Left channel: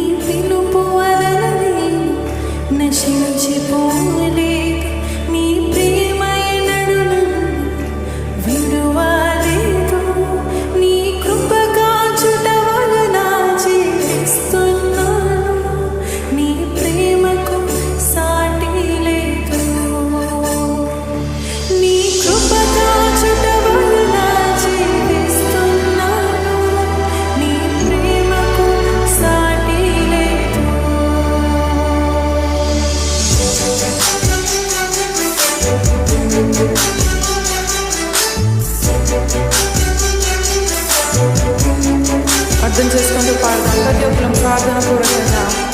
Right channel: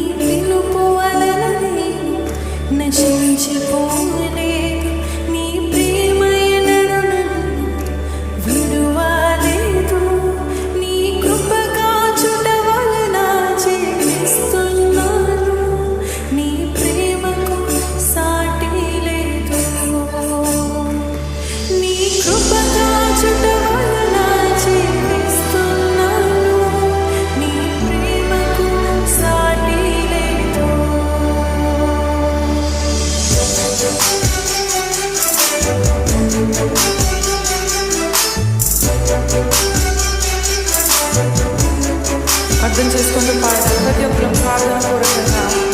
పిలుపు వలన నేను నశించిపోలేదు. నీ ప్రేమ ఎన్నడూ నన్ను విడువలేదు. నీ కృప కాచుట వలన జీవిస్తున్నాను. నీ ప్రేమకు సాటి లేదు. నీ కృప కాచుట వలన జీవిస్తున్నాను. నీ ప్రేమకు సాటి లేదు. అర్థం చేసుకుంటూ పాడదాం. ప్రతి ఒక్కరం ప్రార్థన పూర్వకంగా